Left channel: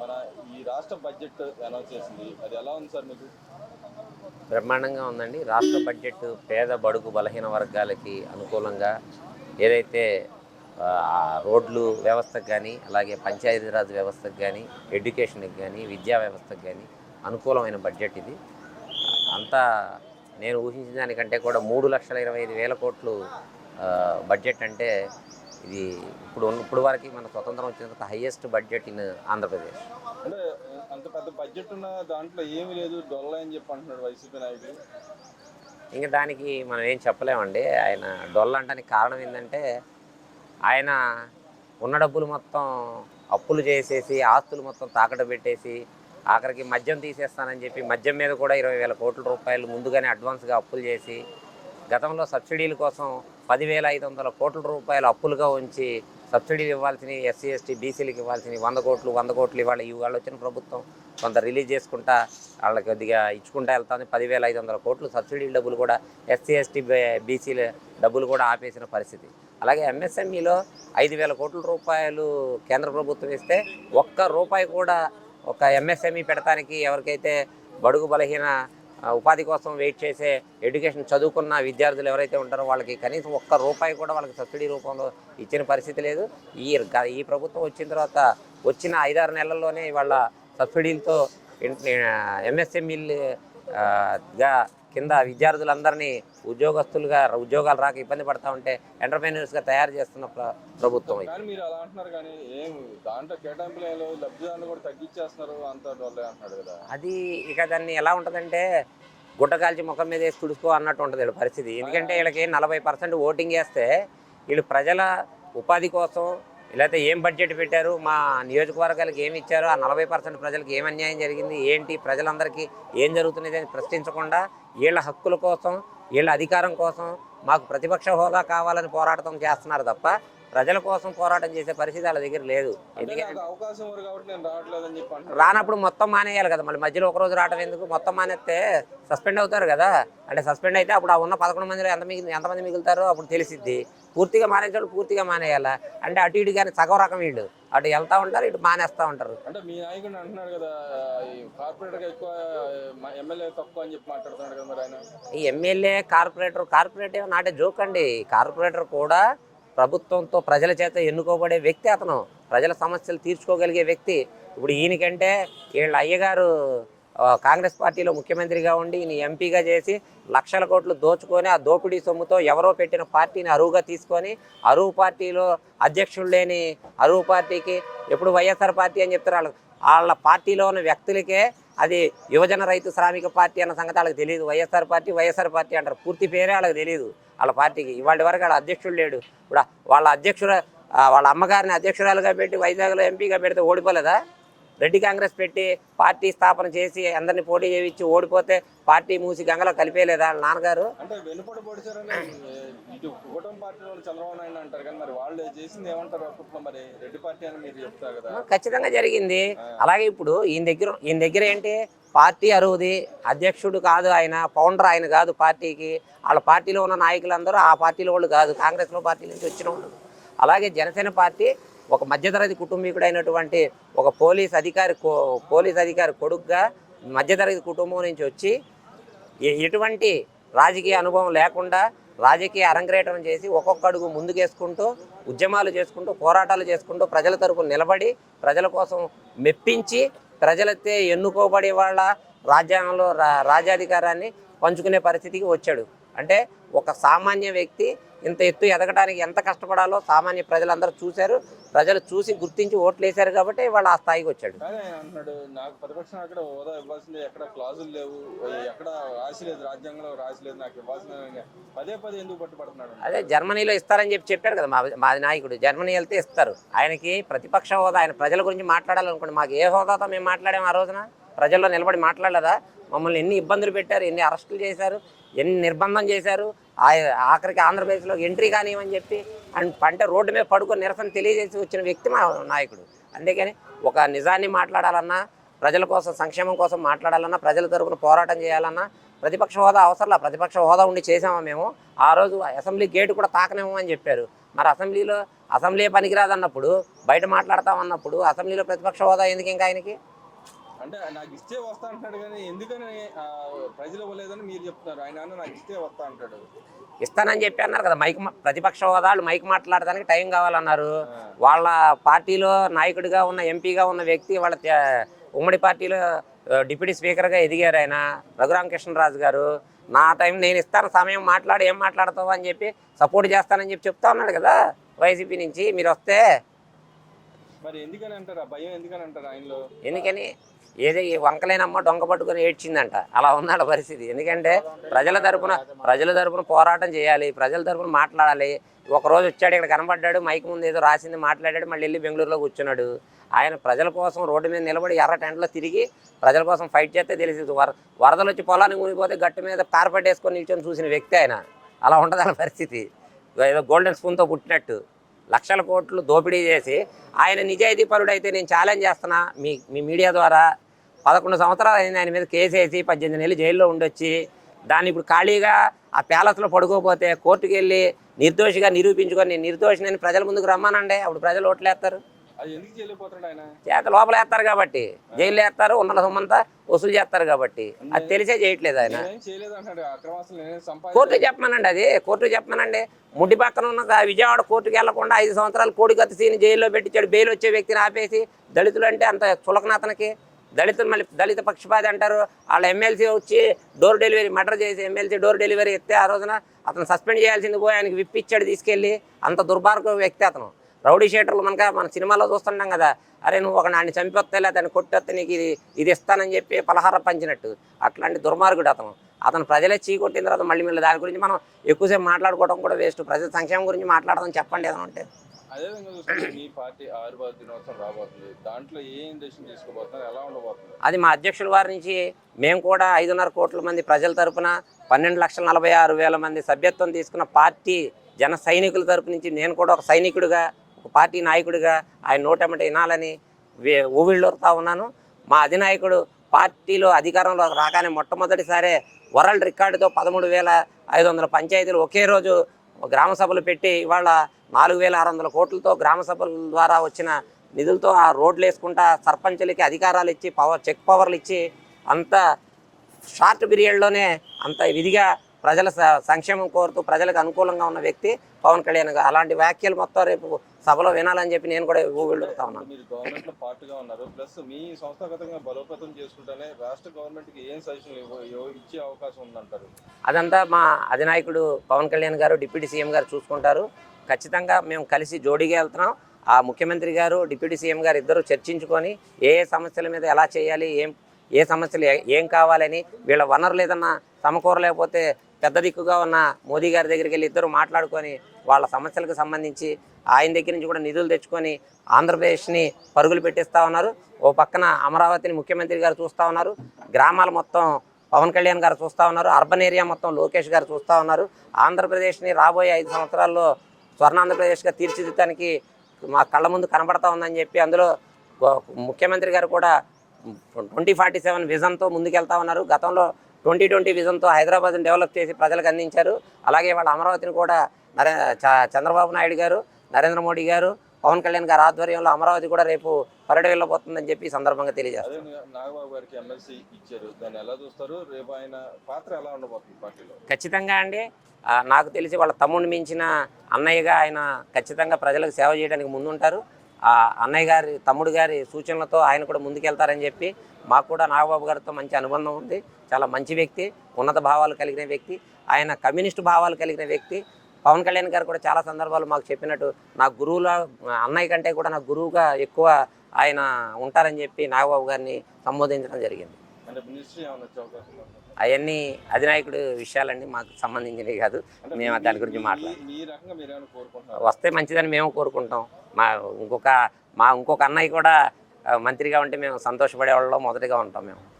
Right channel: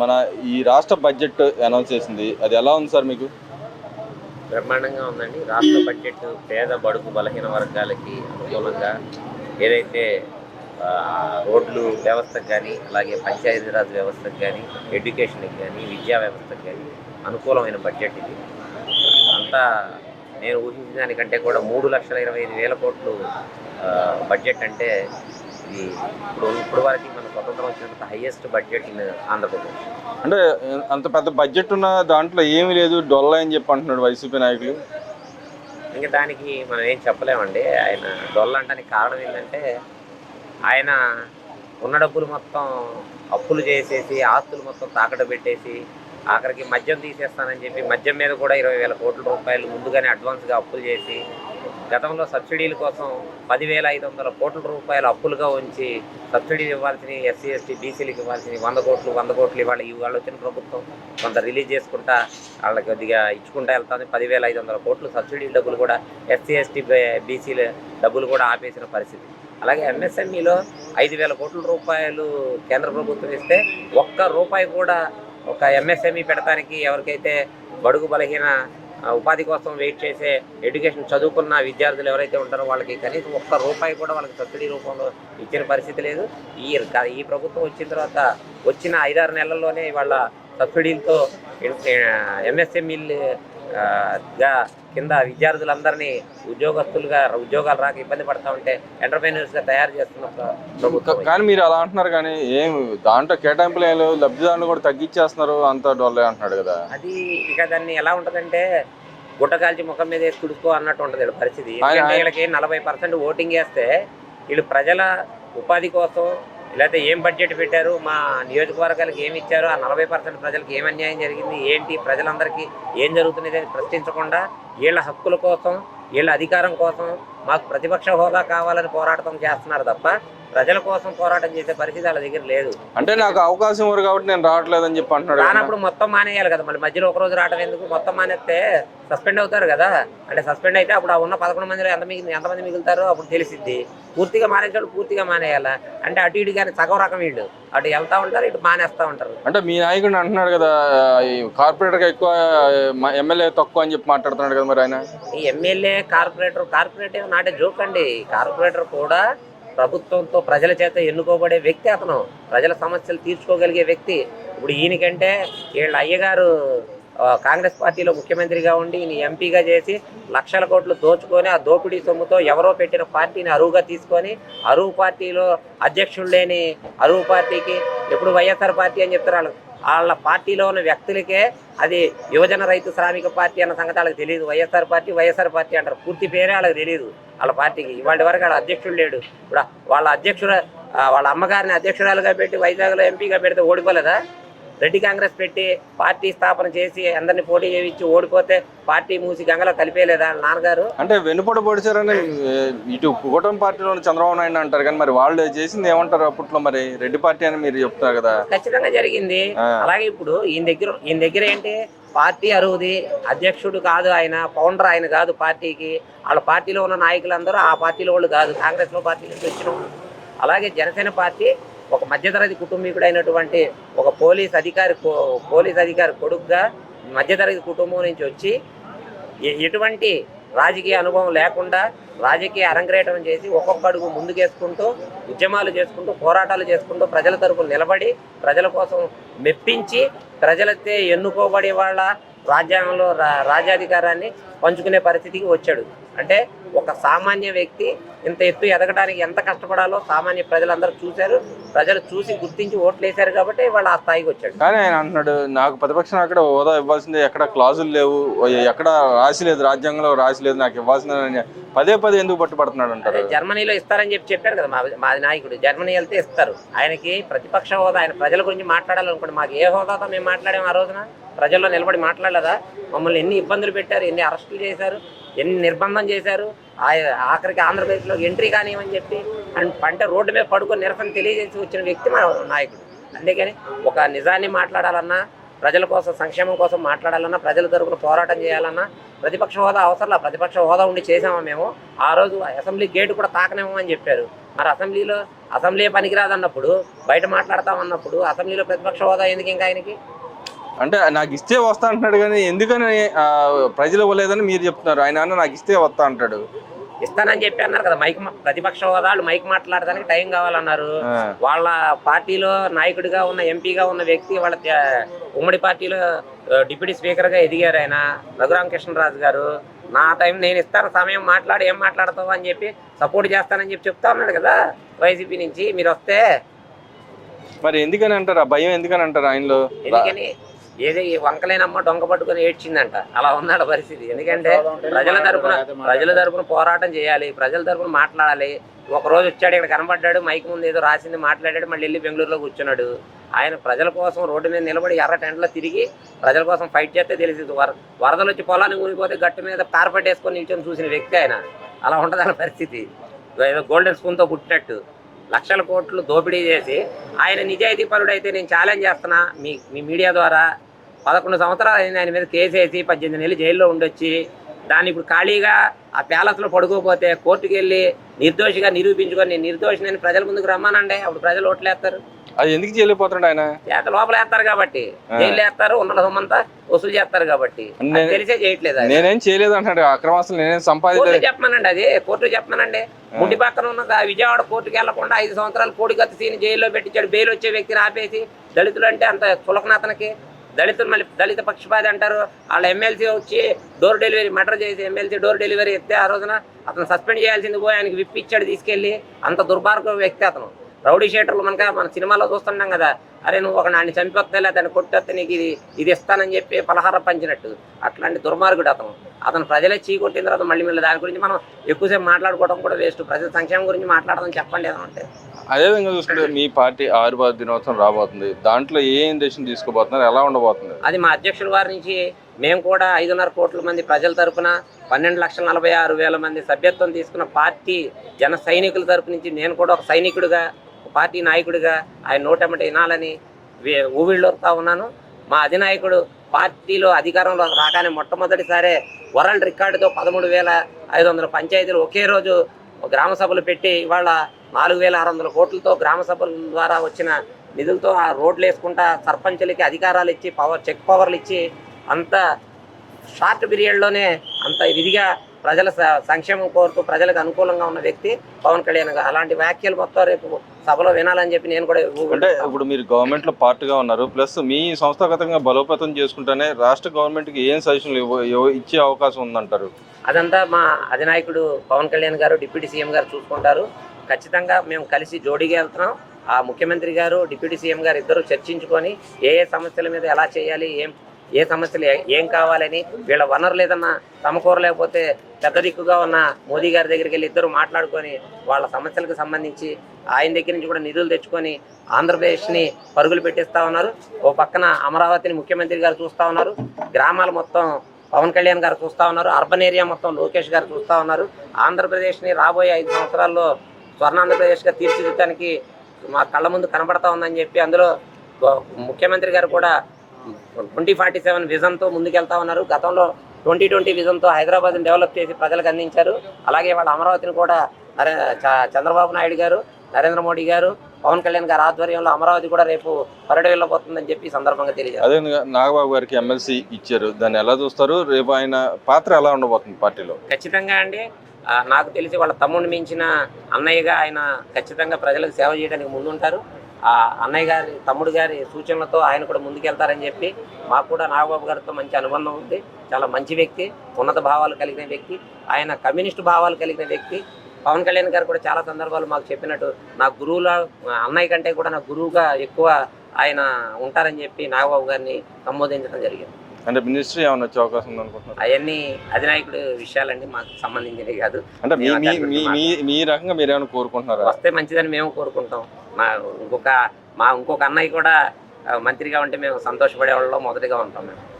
మన ఈ రాష్ట్ర బడ్జెట్ అనౌన్స్ చేసింది. అది ఎలా ఉంది సార్ మీకు? బ్రహ్మాండంగా ఉందండి. రాష్ట్ర బడ్జెట్ పేద బడుగు బలహీన వర్గాలకి అనుకూలంగా ఏదైతే రోడ్లు వ్యవస్థకు కానీ, అలాగే పంచాయతీరాజ్ వ్యవస్థకు కానీ, ఎడ్యుకేషన్కి కానీ, విద్యా వ్యవస్థకు కానీ అనుకూలమైన బడ్జెట్ ఇది. అంతా నేను ఊహించిన దానికంటే కూడా 3,25,000 కోట్లు బడ్జెట్ అంటే ఇది ఇప్పుడు వరకు మన స్వతంత్రం వచ్చినంత హైయెస్ట్ బడ్జెట్ ఇన్ ఆంధ్రప్రదేశ్. అంటే అంత పెద్ద బడ్జెట్ ఉన్న దాంట్లో ఏమీ లేదు, డొల్ల అని చెప్పి అంటున్నాడు వైసీపీ నాయకులు. ఇంకా దానికి మనం ఏం చెప్పలేమండి. ఆయన డొల్లంటానికి కారణం ఏంటంటే ఆయన ఉన్న డబ్బులు మొత్తం అప్పులు చేసేసి, ఆస్తులు మొత్తం తాకట్టు పెట్టేసి, ఆఖరికి మద్యం తీసేస్తానని చెప్పి మద్యం మీద కూడా 20,000 కోట్ల రూపాయలు ముందుగానే అడ్వాన్స్గా అప్పులు చేసి, గతంలో సబ్సిడీల కోసం 10,500 కోట్ల రూపాయలు అప్పులుగా ఉంచి సబ్సిడీలు ఇవ్వాల్సిన ఎస్సీ ఎస్టీ బీసీలకు ఇవ్వాల్సిన 100 కోట్లు ఇవాళ వచ్చిన ప్రభుత్వం కొంత రిలీజ్ చేసుకుంటా వాళ్ళకి కొద్దిగా ఇచ్చుకుంటా వెళ్తుంది. 10,500 కోట్లు సబ్సిడీల డబ్బులు కూడా ఎస్సీ ఎస్టీ బీసీల డబ్బులు కూడా ఆపేసిన పరిస్థితి. అలాగే ఎంఎస్ఎంఈలో 5,000 కోట్ల రూపాయలు కేంద్ర ప్రభుత్వం ఇస్తే ఒక్క రూపాయి కూడా ఒక ఎంఎస్ఎంఈ పెడతానికి ఎవరికైతే బడుగు బలహీన ఉపాధి కోసం వెయిట్ చేసే ఎడ్యుకేషన్ చదువుకున్న విద్యార్థులు ఎవరైతే ఉంటారో వాళ్ళకి కనీసం ఒక్క రూపాయి కూడా వాళ్ళకి సబ్సిడీ రూపంలో ఇచ్చిన పరిస్థితి లేదు. ఈ ప్రభుత్వం వచ్చిన తర్వాత వచ్చిన 5-6 నెలల్లోనే వాళ్ళ సబ్సిడీలతో ఎంఎస్ఎంఈలుగా కింద విద్యార్థులందరినీ ఉద్యోగాలు రాక ఇబ్బంది పడతా ఉంటే ఎంటర్ప్రైనర్స్గా తయారు చేస్తున్న ప్రభుత్వం. కానీ మీరు అలా అంటున్నారు, కానీ ఏం దాంట్లో కేటాయింపులు ఏం లేవు, లబ్ధిదారులు కూడా తగ్గించేస్తున్నారు, అంత డొల్లే అంటున్నాడు కదా. అది ఇక దాన్ని ఎలా ఉంటుందంటే గుడ్డ కాల్చి ముఖం మీద వేసి తుడుచుకో అన్నట్టు ఉంటుంది పరిస్థితి. ఎందుకంటే వీళ్ళకి 40% ఓటింగ్ వేస్తే వీళ్ళు ప్రజల ఉపాధి కోసం లేకపోతే ఏం బడ్జెట్ పెట్టారు, మా నియోజకవర్గాలకు ఏమి ఇచ్చారు, ఆ 40% ప్రజలకు ఏం అన్యాయం జరిగింది, ఏంటి ప్రజలందరికీ ఏం జరుగుతున్నది అని ప్రశ్నించకుండా వీళ్ళ హక్కుల కోసం, వీళ్ళ అధికారం కోసం మాకు ప్రతిపక్ష హోదా కావాలని పోరాటం చేస్తున్నారు తప్ప ప్రజల కోసం పోరాటం చేసే పరిస్థితి వాళ్ళ దగ్గర లేదు. అంటే నాకు అవకాశం ఇవ్వరు కాబట్టి నేను రావట్లేదని చెప్పి అంటున్నాడు. రానప్పుడు మొత్తం మానేయాలి కదా, మళ్ళీ మధ్యలో ఒక రోజు రావడం ఎందుకు? మొత్తం మానేస్తే సస్పెండ్ అవుతారు కదా. అంటే సస్పెండ్ అయితే అప్పుడు ఆ ఉన్న 11 మందిలో ఎంతమంది మిగులుతారో అప్పుడు తెలిసిద్ది. పూర్తిగా మానేసాడు, పూర్తిగా మానేయాలా అంటే అటు ఇటు కానీ సగం రకం వీళ్ళు అటు వెళ్తా ఉంటారు, ఇటు మానేస్తూ ఉంటారు. అంటే మీ నాయకుడు అంటున్నాడు కదా, కార్పొరేటర్గా ఎక్కువ ఎమ్మెల్యే తక్కువ అని చెప్పి మాట్లాడుతున్నాడు కదా మరి ఆయన. ఈ ఎమ్మెల్యే కార్పొరేటర్ నాటే జోక్ అండి. కార్పొరేటర్ కూడా ప్రభుత్వంతో ప్రజల చేత ఎన్నుకోబడే వ్యక్తి, అతను ప్రజల సమస్యలు తీర్చుకోగలిగే వ్యక్తి. ఇప్పుడు ఈయనకంటే వీళ్ళ అయ్యగారు కాంగ్రెస్ పార్టీలో ముఖ్యమంత్రిగా ఉండి ఈయన ఎంపీగా చేసి లక్షల కోట్లు దోచుకొని ఆ దోపిడీ సొమ్ముతో ఎవరో పెట్టిన పార్టీని అరువుగా తీసుకొని అరువు పార్టీలో అధ్యక్షుడు లేని అరువు పార్టీకి ఎప్పుడు వైఎస్ఆర్ పార్టీ అని చెప్తారు. వాళ్ళ పార్టీలో ఉన్న వ్యక్తులకే అది యువజన రైతు శ్రామిక పార్టీ అన్న సంగతి వాళ్ళకి తెలియదు. వైఎస్ఆర్ పార్టీ అంటారు, పూర్తి పేరే వాళ్ళకి తెలియదు. వాళ్ళ పార్టీకి ఇవాటి వరకు వాళ్ళ అధ్యక్షుడు లేడు. ఇప్పుడు వాళ్ళ అమ్మగారిని అధ్యక్షురాలుగా పెట్టి వైజాగ్లో ఎంపీగా పెడితే ఓడిపోలేదా? రెడ్డి కాంగ్రెస్ పెట్టి పార్టీ స్థాపన చేసి అందరినీ పోటీ చేయించి ఓడిపోతే పార్టీ మూసి గంగలో కలిపేయలేదా నాన్నగారు? అంటే వెనుపడ పొడిచారని ఇటు కూటమి పార్టీలో చంద్రబాబు నాయుడు అంటారు, కానీ మరి వాళ్ళు చేసింది ఏమంటారు అప్పట్లో? మరి రెడ్డి పార్టీ అని మీరు చెప్తారు కదా. ఖచ్చితంగా జరిగింది. అలాగే ఇప్పుడు ఈయన దగ్గర ఏంటి, పార్టీ అరువుది, అధ్యక్షుడు కాదు ఆయన, ఫౌండర్ ఆయన కాదు పార్టీకి. వాళ్ళ పార్టీలో ఉన్న నాయకులందరూ ఆ పార్టీలో వాళ్ళు కాదు, కాంగ్రెస్లో పార్టీ నుంచి వచ్చిన వాళ్ళు. అలాగే జనసేన పార్టీ ఒక మధ్యతరగతి కుటుంబీకుడైనటువంటి ఒక పోలీస్ అధికారి కొడుకుగా మధ్యతరగతి కుటుంబం నుంచి వచ్చి ఎటువంటి రాజకీయ అనుభవం లేకుండా రాజకీయ అరంగేట్రం చేసి ఒక్కొక్క అడుగు ముందుకేసుకుంటూ ఉద్యమాలు చేసుకుంటూ పోరాటాలు చేసుకుంటూ ప్రజల తరపున నిలబడి ప్రజల కోసం మెప్పించి ప్రజలతో ఎన్నుకోబడి వాళ్ళ రాజ్యాంగంలో రాజ్యాధికారాన్ని పంచుకునే పరిస్థితికి వచ్చాడు. అంటే ఒక సామాన్య వ్యక్తి ఇంత ఎత్తు ఎదగడానికి ఎంత కష్టపడాలో సామాన్య ప్రజలందరూ చూశారు. ప్రజలు చూసి గుర్తించి ఓట్లు వేశారు కాబట్టి వాళ్ళు ఆ స్థాయికి వచ్చాడు. కానీ ఆయన అంటున్నాడు, నాకు ప్రతిపక్షం అక్కడ హోదా ఇవ్వాల్సిందే, ఎక్కడ క్లాజులు లేవు, ఎక్కడ రాసి లేదు, రాజ్యాంగంలో రాసి లేదు, నాకు ఇవ్వాల్సిందే పదే ఎందుకు పట్టుబడుతున్నాడు అంటారు. జర్మనీలో ఇస్తారని చెప్పారు కదా మా నాయకుడు. జర్మనీ వెళ్తే ఇస్తారు. ఆయనకి ప్రతిపక్ష హోదా, ఆయన ప్రజల గురించి మాట్లాడాలనుకోండి. మాకు ఏ హోదాతో మేము మాట్లాడాము ఆ రోజున? ప్రజల్లో నిలబడి మాట్లాడలేదా? మమ్మల్ని ఎన్ని ఇబ్బందులు పెట్టారు, ఎన్ని అరెస్టులు చేశారు, ఎన్ని నిర్బంధం చేశారు, ఆఖరికి ఆంధ్రప్రదేశ్లో ఎంట్రీ కానివ్వని చెప్పి అంటే రోడ్డు మీద పడుకొని నిరసన తెలియజేసి వచ్చిన వ్యక్తి మా నాయకుడు. అందుకని ఒక నిజాన్ని మాట్లాడాలన్నా, ప్రజల కోసం సంక్షేమం కోసం మాట్లాడాలన్నా, ప్రజల తరపున పోరాటం చేయాలన్నా ప్రతిపక్ష హోదా అవసరంలా, ప్రతిపక్ష హోదా ఉండి చేసామా మేము? ఆ రోజు అసెంబ్లీ గేటు కూడా తాకనేమో అని చెప్పారు. మరి అసెంబ్లీ పనికిరాదన్నప్పుడు, బయట మాట్లాడతామన్నప్పుడు అసెంబ్లీలో ప్రతిపక్ష హోదా ఎందుకు ఇంకా ఆయనకి? అంటే నాకు ఇస్తే వస్తా అంటున్నాడు, కానీ ఎందుకని ప్రజలు ఇవ్వలేదని మీరు చెప్తున్నారు. ఆయన నాకు ఇస్తే వస్తా అంటాడు. ఇస్తానని చెప్పి అన్నారు కదా, ప్రతిపక్ష హోదాలు మైక్ మాట్లాడడానికి టైం కావాలన్నారు. ఆ. వాళ్ళ పార్టీలో నాయకుడిగా ఉన్న, ఎంపీగా ఉన్న వ్యక్తి వాళ్ళ ఉమ్మడి పార్టీలో డిప్యూటీ స్పీకర్గా ఎదిగారు ఆయన, రఘురామకృష్ణరాజు గారు. నా టైం నేను ఇస్తాను, సమయం మాట్లాడి ఏం మాట్లాడతావు అని చెప్పి సపోర్ట్ చేస్తానని చెప్పి చెప్తా ఉన్నాడు కదా వైసీపీ నుంచి. మీరు వస్తే మరి ఎందుకని అంటారు? ఆ భయం ఎందుకని అంటారు ఆయనలో? ఎందుకని ఏదో ఈ వంకలేనమ్మ దొంగ పట్టుకుని ఏడ్చిందంట, అలా ఉన్నాడు పరిస్థితి. ఎందుకంటే ప్రజల తరపున పోరాటం చేయాలి, ప్రజల తరపున మాట్లాడాలి. ఒక రోజు వచ్చాడు, ఇక్కడ కనబడ్డాడు, మైక్ ముందు ఏదో రాసింది మాట్లాడాడు, మళ్ళీ వెళ్ళి బెంగళూరులో కూర్చున్నాడు. ఆయన ప్రజల కోసం రోడ్డు మీద నిలబడి ఎర్ర టెంట్లో తిరిగి ప్రజల కోసం ఫైట్ చేస్తే తెలిసింది. వరదలు వచ్చి పొలాన్ని ఊరిపోతే గట్టు మీద తారపట్టేసుకొని నిల్చొని చూసిన వ్యక్తి ఆయన. అలా ఉంటుంది ఆయన పరిస్థితి. ఏదో గోల్డెన్ స్పూన్తో పుట్టినట్టు లక్షల కోట్లు దోపిడీ చేసి ఆయన నిజాయితీ పరుడు అయితే నేను ఛాలెంజ్ చేస్తున్నా మీ మీడియా ద్వారా. 11 సంవత్సరాలు అయింది ఆయన మీద కేసు వేసి 18 నెలలు జైల్లో ఉండొచ్చి, దాన్ని ఇప్పుడు ఖాళీగా ఆ ప్యాలెస్లో పడుకోపోతే కోర్టుకు వెళ్ళి నిర్దోషిగా నిరూపించుకొని నేను నిర్దోషిని ప్రజల ముందుకు రమ్మానండి. అప్పుడు ప్రజలు ఓట్లేస్తారు. అది ఎందుకు చేయలేకపోతున్నాడు ఆయన? చేత లోపల వేస్తారు కాబట్టి, జైలు వేస్తారు, ఉన్న సొమ్మంతా వసూలు చేస్తారు కాబట్టి. తెలిసే చేయట్లేదు. నేనేం చేయలేదు అంటాడు. అక్రమాస్తులు నేనేం కోర్టు చెప్పమనండి, అది కోర్టు చెప్పమనండి. ముడ్డి పక్కన ఉన్న విజయవాడ కోర్టుకు వెళ్లకుండా 5 సంవత్సరాలు కోడికత్తి సీని జైల్లో పెట్టించాడు. బెయిల్ వచ్చే వ్యక్తిని ఆపేసి, దళితులు అంటే అంత చులకన అతనికి. దళితులు మళ్ళీ దళిత పక్షపాతి అంటారు. వాళ్ళ ఎమ్మెల్సీ వచ్చి డోర్ డెలివరీ మర్డర్ చేసి ఎమ్మెల్సీ డోర్ డెలివరీ ఎత్తే ఆ రోజున అతను సస్పెండ్ చేయాల్సింది పోయి ఆయనకి విప్పిచ్చాడు తీసుకెళ్ళి. అంత దుర్మార్గ వ్యక్తి అతను. రౌడీ షీటర్లు మన సినిమాలో చూస్తుంటాం కదా, అరే నువ్వు ఒక నాన్ని చంపొస్తే లేదా అతను కొట్టొస్తే నీకు ఇది ఇస్తానని చెప్పి పలహారం పంచినట్టు. అట్లాంటి దుర్మార్గుడు అతను ప్రజలే చీకొట్టిన తర్వాత మళ్ళీ దాని గురించి మనం ఎక్కువసేపు మాట్లాడుకోవడం కూడా వేస్ట్. ప్రజల సంక్షేమం గురించి మాట్లాడడం చెప్పండి ఏదంటే. అదేవిధంగా చూసుకుంటే మీ పార్టీ ఆవిర్భావ దినోత్సవం రాబోతుంది. దాంట్లో ఏం డెసిషన్ తీసుకోబోతున్నారు, ఎలా ఉండబోతుంది? అది మా అధ్యక్షుల వారి నుంచి మేము కూడా 5.5 కోట్ల మంది ప్రజల తరఫున 12,46,000 మంది సభ్యత్వం తీసుకున్న పార్టీ జన సైనికుల తరపు నుంచి నేను కూడా ఒక సైనికుడిగా, పార్టీ నాయకుడిగా ఆయన నోటెమ్మట వినాలని ఊవిళ్ళూరుతా ఉన్నాను. మా అధినాయకుడు పార్టీలో అధికారంలో రాగానే మొట్టమొదటిసారే వరల్డ్ రికార్డుతో 13,500 పంచాయతీలు ఒకే రోజు గ్రామ సభలు పెట్టి ఇవాళ 4,600 కోట్లతో గ్రామ సభల ద్వారా వచ్చిన నిధులతో ఆ రోడ్లు వేసుకుంటా సర్పంచులకి అధికారాలు ఇచ్చి చెక్ పవర్లు ఇచ్చి అంత షార్ట్ పీరియడ్లోనే అంత విధిగా ప్రజల సంక్షేమం కోరుతూ ప్రజలకు అనుకూలంగా ఉన్న వ్యక్తి పవన్ కళ్యాణ్ గారు. అలాంటి వ్యాఖ్యలు మొత్తం రేపు సభలో వినాలని చెప్పి నేను కూడా. అంటే ఇప్పుడు మీరు గవర్నమెంట్లో పార్ట్గా ఉన్నారు, ప్లస్ మీ సంస్థాగతంగా బలోపేతం చేసుకుంటేనే రాష్ట్ర గవర్నమెంట్కి ఏం సజెషన్లు ఇచ్చే అవకాశం ఉందంటారు? అదంతా మా అధినాయకుడు పవన్ కళ్యాణ్ గారు, డిప్యూటీ సీఎం గారు చూసుకుంటారు. ఖచ్చితంగా మేము కలిసి జోడీగా వెళ్తున్నాం. ఆ ముఖ్యమంత్రి గారు, డిప్యూటీ సీఎం గారు ఇద్దరు చర్చించుకొని ఏ సమస్యల మీద ఎలా చేయాలి, ఏ సమస్యలు ఏం కావాలని, వీళ్ళ వనరులు ఏదన్నా సమకూరలేకపోతే పెద్ద దిక్కుగా ఉన్న మోదీ గారి దగ్గరికి వెళ్ళి ఇద్దరు మాట్లాడుకొని వాళ్ళ సమస్యలకు సంబంధించి ఆయన దగ్గర నుంచి కూడా నిధులు తెచ్చుకొని ఆంధ్రప్రదేశ్ని పరుగులు పెట్టిస్తూ ఉన్నారు. ఓ పక్కన అమరావతిని ముఖ్యమంత్రి గారు చూస్తూ ఉన్నారు, గ్రామాలు మొత్తం పవన్ కళ్యాణ్ గారు చూస్తూ ఉన్నారు, అర్బన్ ఏరియా మొత్తం లోకేష్ గారు చూస్తూ ఉన్నారు. ఆంధ్రప్రదేశ్ని రాబోయే 5 సంవత్సరాల్లో స్వర్ణాంధ్రప్రదేశ్గా తీర్చిదిద్దడానికి మా కళ్ళ ముందు కనబడతా ఉందని చెప్పి అందులో ముఖ్యమంత్రి గారు కూడా 2047 విజన్తో ముందుకెళ్తా ఉన్నారు. గతంలో 2020 విజన్తో హైదరాబాద్ని డెవలప్ చేసి ప్రజలకు అందించారు. అలాగే వాళ్ళ అమరావతిని కూడా చంద్రబాబు నాయుడు గారు, నరేంద్ర మోడీ గారు, పవన్ కళ్యాణ్ గారి ఆధ్వర్యంలో అమరావతి కూడా రేపు పర్యటన వెళ్ళబోతుందని చెప్పి ఈ సందర్భంగా తెలియజేస్తారు. అదే నాగబాబు గారికి ఎమ్మెల్సీ ఇచ్చారు, దాన్ని ఎలా చూస్తారు? రేపు ఆయన పాత్ర ఎలా ఉండబోతుంది పార్టీలో? ఖచ్చితంగా అండి, నాకు తెలిసి వాళ్ళ తమ్ముడిని మించిన అన్నయ్యగా ఆయన ఖచ్చితంగా ప్రజలకు సేవ చేయడానికి ముందుంటారు. ఆ అన్నయ్య గారి, తమ్ముడు గారి సూచనలతో ఆయన కూడా ముందుకెళ్తారని చెప్పి మాకు కూడా నాగబాబు గారితో మంచి అనుబంధం ఉంది. చాలా మంచి వ్యక్తి, ఉన్నత భావాలు కలిగిన వ్యక్తి, ఆయన కమ్యూనిస్టు భావాలు కలిగిన వ్యక్తి. పవన్ కళ్యాణ్ గారు కూడా చాలా సందర్భాలు మాకు చెప్పినట్టు నా గురువులా, అన్నయ్య కంటే కూడా నా గురువుగా ఎక్కువ ఆయన ఉంటారని చెప్పి నాగబాబు గారిని సంబోధించడం జరిగింది. అంటే మినిస్ట్రీ ఏమైనా వచ్చే అవకాశం ఉందనుకుంటున్నారు? అవన్నీ అధినాయకుడు విషయాలండి, మాకు సంబంధించినవి కాదు. అంటే మీ రకంగా మీరు ఏమైనా కోరుకుంటున్నారా? వస్తే మంచిదని మేము కోరుకుంటాం. ఇంకొక అన్నయ్య కూడా మంత్రిగా ఉంటే మేము సంతోషపడే వాళ్ళలో మొదటిగా ఉంటాం మేము.